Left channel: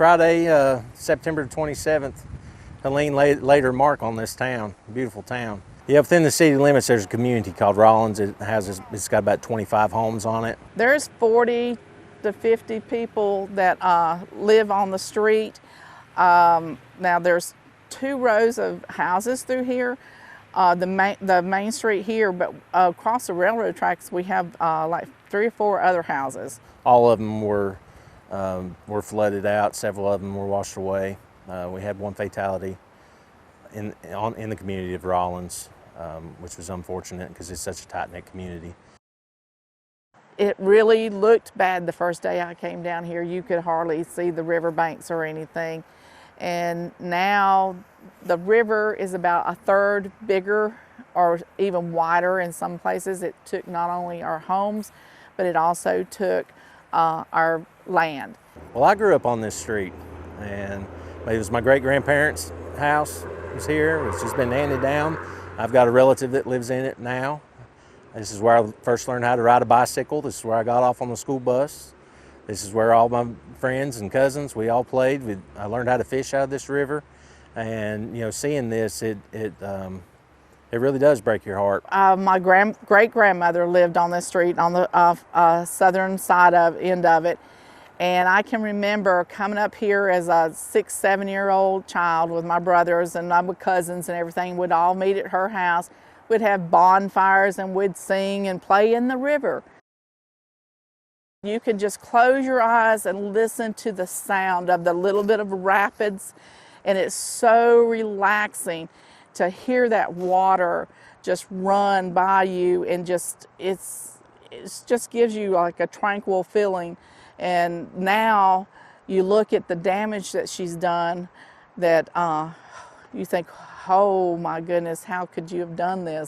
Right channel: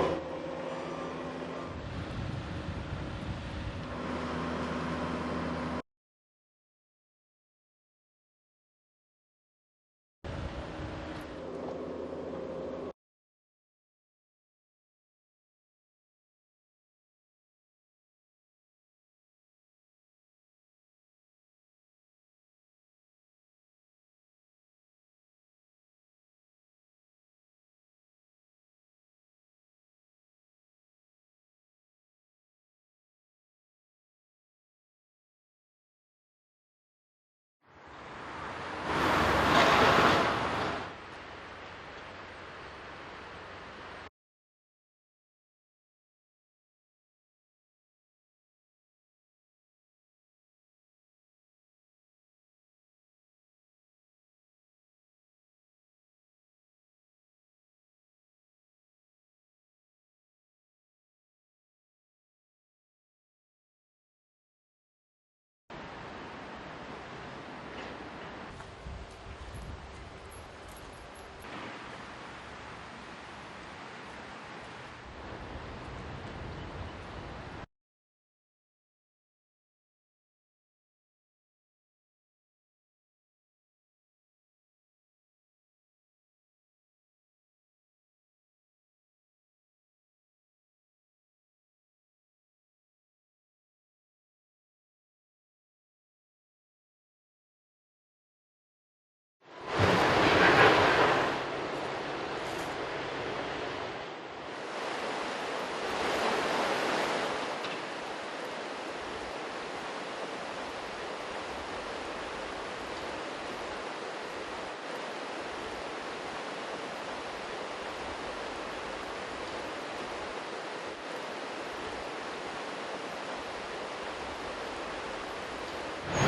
Friday, September 27th, Helene laid her mark on this town, beautiful town. Yeah, within the city limits, there's a community called Rollins. It's got about 25 homes on it. There's 40 to 50 people that live on the street. Now there's 2 rows of houses through here, the main street here, but across the railroad tracks we have like 3 or 4 other houses. All of them were flooded out. Several of them were washed away. We had 1 fatality in the community of Rollins, which was unfortunate because it's such a tight-knit community. It really looked bad the first day I came down here. You could hardly see the river banks or anything. And now the river is about 1/3 bigger or even wider in some places. It took not only our homes, but it also took our land. Well, I grew up on this street, and it was my great-grandparents' house. It was here. It's just been handed down. I've got a relative that lives in it now. This is where I first learned how to ride a bicycle. This is where I got off on the school bus. This is where all my friends and cousins, we all played. I learned how to fish out of this river. And, you know, seeing this, it really does break your heart. My great-grandmother lived on this street on the southern side end of it. And I can remember coming up here as a 6, 7-year-old child with my brothers and my cousins and everything. We'd all meet at her house. We'd have bonfires and we'd sing and play in the river. You could just close your eyes and listen to the sound of the little bit of rapids, and it's so relaxing to hear that water just run by you, and it just gives you like a tranquil feeling. And now you look at the damage that she's done, that you think, oh my goodness, how could you have done this?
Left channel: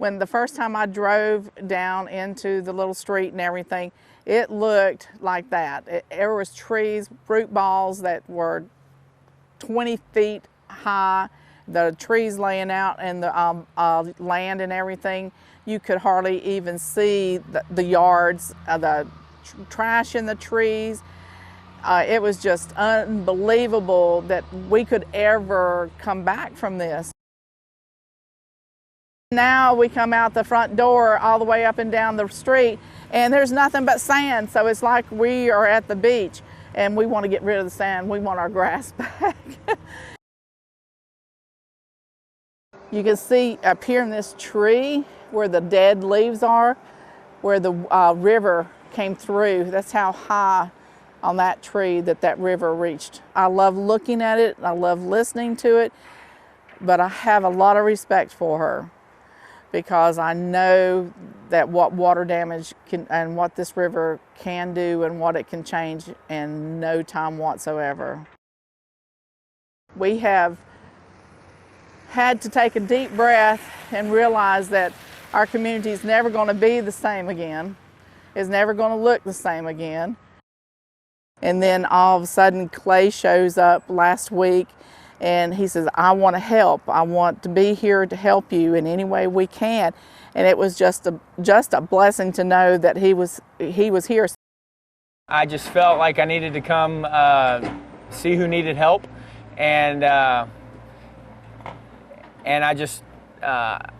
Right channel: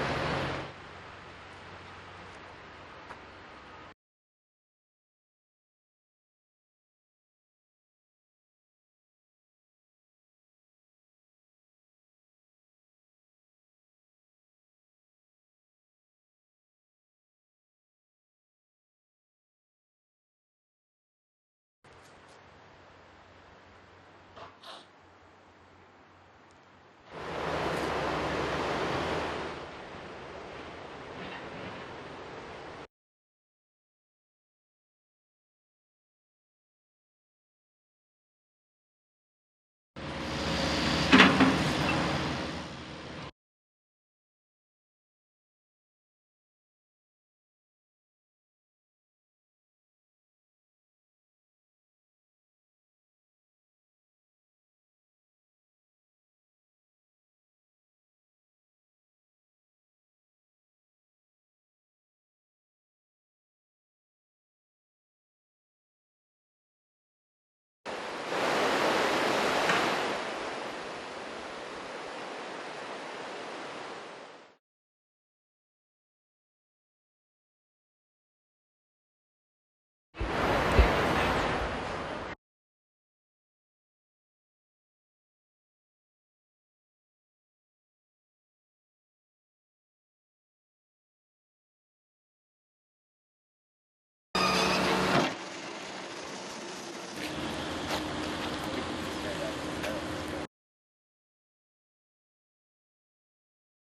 When the first time I drove down into the little street and everything, it looked like that. There was trees, fruit balls that were 20 feet high, the trees laying out and the land and everything. You could hardly even see the yards, the trash in the trees. It was just unbelievable that we could ever come back from this. Now we come out the front door all the way up and down the street, and there's nothing but sand, so it's like we are at the beach, and we want to get rid of the sand. We want our grass back. You can see up here in this tree where the dead leaves are, where the river came through. That's how high on that tree that river reached. I love looking at it, I love listening to it, but I have a lot of respect for her because I know that what water damage can and what this river can do and what it can change in no time whatsoever. We have had to take a deep breath and realize that our community is never going to be the same again. It's never going to look the same again. And then all of a sudden Clay shows up last week and he says, I want to help. I want to be here to help you in any way we can. And it was just a blessing to know that he was here. I just felt like I needed to come see who needed help, and I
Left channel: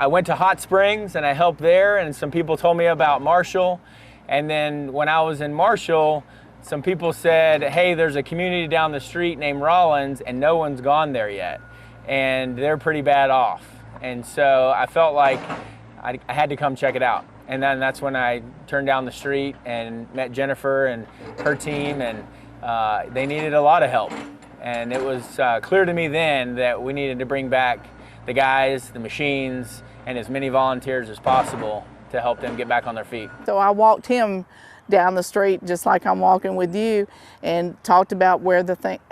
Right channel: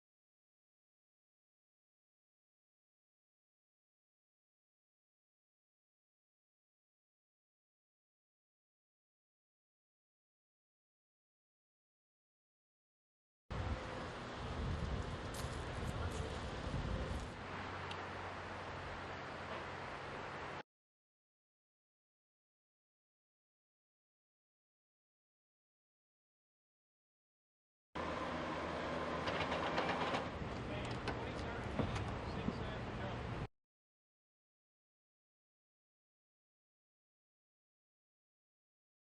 went to Hot Springs and I helped there, and some people told me about Marshall. And then when I was in Marshall, some people said, hey, there's a community down the street named Rollins and no one's gone there yet. And they're pretty bad off. And so I felt like I had to come check it out. And then that's when I turned down the street and met Jennifer and her team, and they needed a lot of help. And it was clear to me then that we needed to bring back the guys, the machines, and as many volunteers as possible to help them get back on their feet. So I walked him down the street just like I'm walking with you and talked about where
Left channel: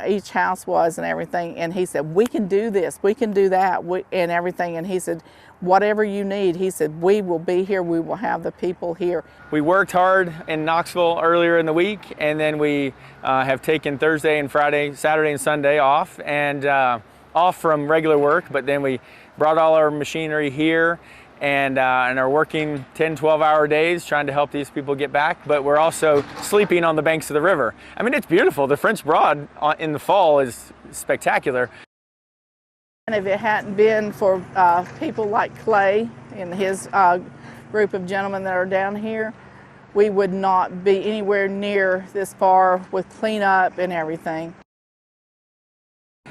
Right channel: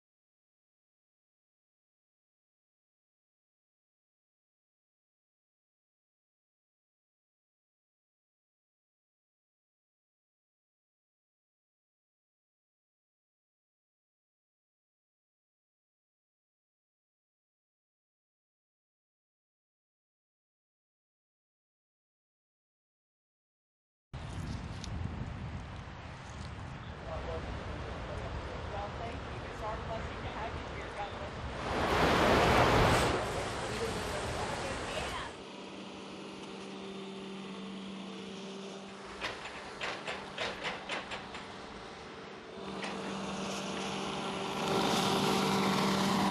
each house was and everything, and he said, we can do this, we can do that, and everything. And he said, whatever you need, he said, we will be here, we will have the people here. We worked hard in Knoxville earlier in the week, and then we have taken Thursday and Friday, Saturday and Sunday off, and off from regular work, but then we brought all our machinery here, and are working 10, 12-hour days trying to help these people get back, but we're also sleeping on the banks of the river. I mean, it's beautiful. The French Broad in the fall is spectacular. And if it hadn't been for people like Clay and his group of gentlemen that are down here, we would not be anywhere near this far with cleanup and everything.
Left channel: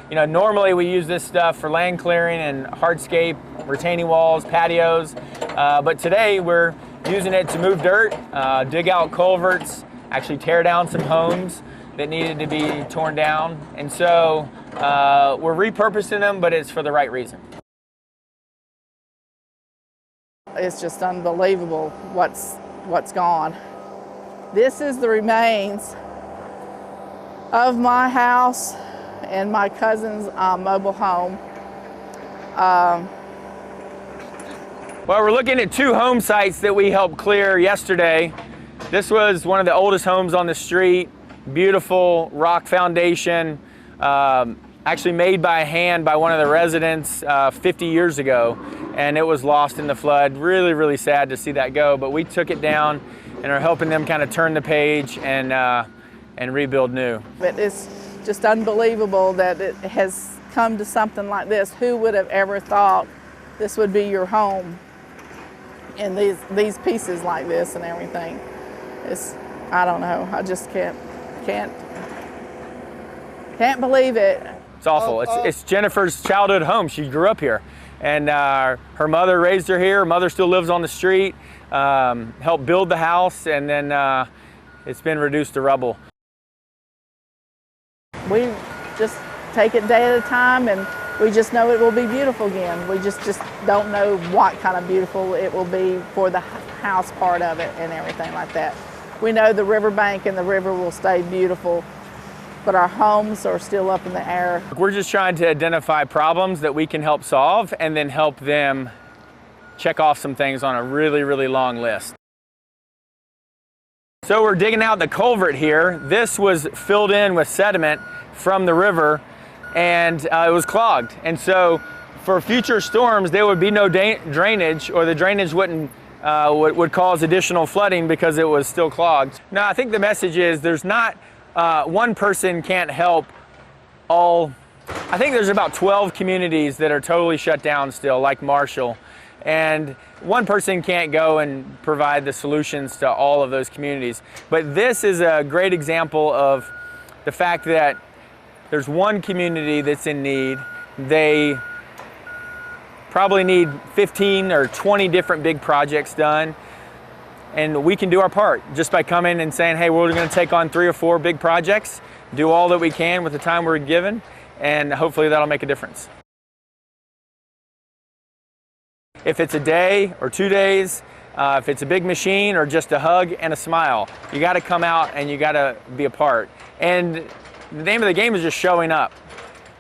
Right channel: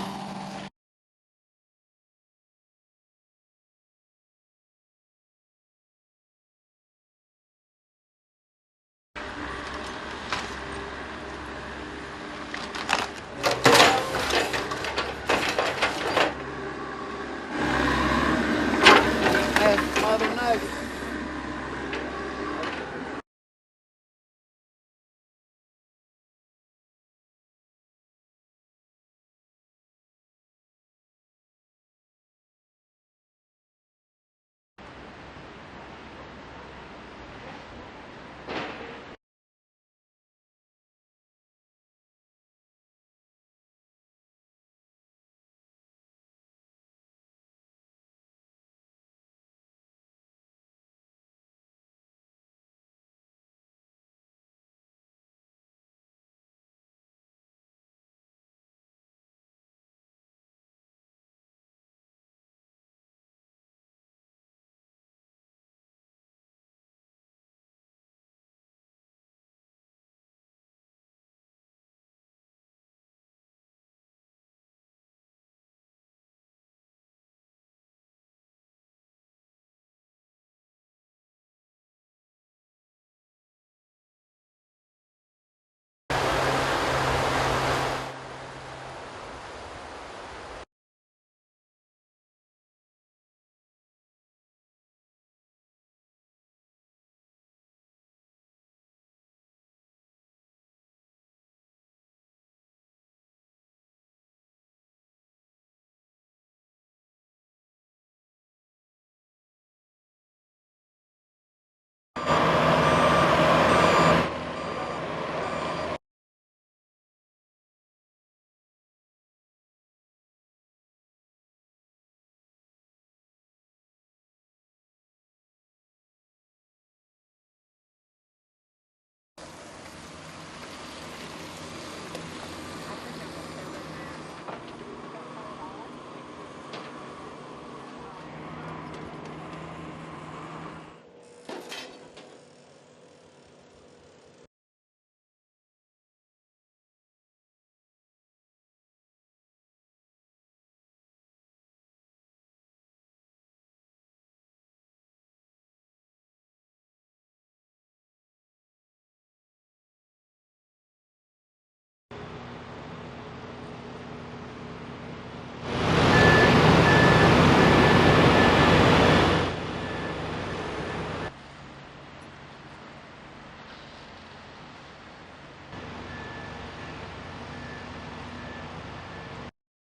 You know, normally we use this stuff for land clearing and hardscape, retaining walls, patios, but today we're using it to move dirt, dig out culverts, actually tear down some homes that needed to be torn down. And so we're repurposing them, but it's for the right reason. It's just unbelievable what's gone. This is the remains of my house and my cousin's mobile home. Well, we're looking at 2 home sites that we helped clear yesterday. This was one of the oldest homes on the street, beautiful rock foundation, actually made by hand by one of the residents 50 years ago, and it was lost in the flood. Really, really sad to see that go, but we took it down and are helping them kind of turn the page and rebuild new. But it's just unbelievable that it has come to something like this. Who would have ever thought this would be your home? And these pieces like this and everything. I don't know. I just can't believe it. It's awful. It's Jennifer's childhood home. She grew up here, and her mother raised her here. Her mother still lives on the street. Helped build the house, and then it's been reduced to rubble. We just take it day at a time, and we just know it will be beautiful again. We just don't know what kind of beautiful it will be for the house part of it and everything like that. We know the riverbank and the river will stay beautiful, but our homes are still up in the air. We're just trying to identify problems that we can help solve and then help them check off some things on a really, really long list. So we're digging out the culvert here. This was filled in with sediment from the river, and it was clogged. And so for future storms, there would be no drainage, or the drainage wouldn't would cause additional flooding because it was still clogged. Now, I think the message is there's not one person can't help all. I think there's about 12 communities that are totally shut down still, like Marshall, and one person can't go and provide the solutions to all of those communities. But this is a great example of the fact that there's one community that's in need. They probably need 15 or 20 different big projects done, and we can do our part just by coming and saying, hey, we're going to take on 3 or 4 big projects, do all that we can with the time we're given, and hopefully that'll make a difference. If it's a day or 2 days, if it's a big machine or just a hug and a smile, you got to come out and you got to be a part. And the name of the game is just showing up.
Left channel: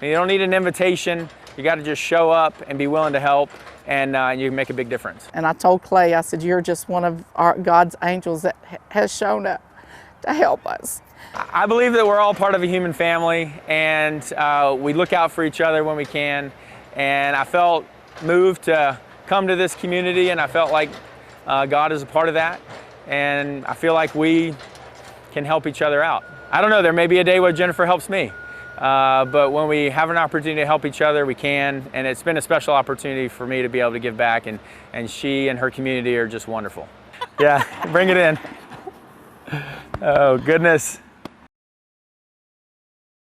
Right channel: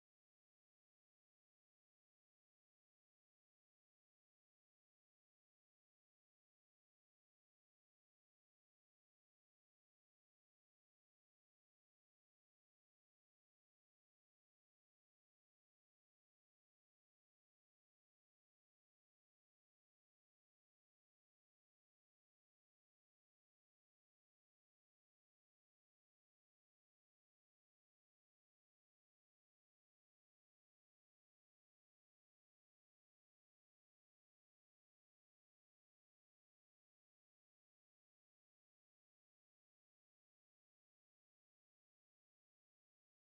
And you don't need an invitation. You got to just show up and be willing to help, and you can make a big difference. And I told Clay, I said, you're just one of God's angels that has shown up to help us. I believe that we're all part of a human family, and we look out for each other when we can. And I felt moved to come to this community, and I felt like God is a part of that. And I feel like we can help each other out. I don't know, there may be a day where Jennifer helps me. But when we have an opportunity to help each other, we can. And it's been a special opportunity for me to be able to give back. And she and her community are just wonderful. Yeah, bring it in. Oh, goodness.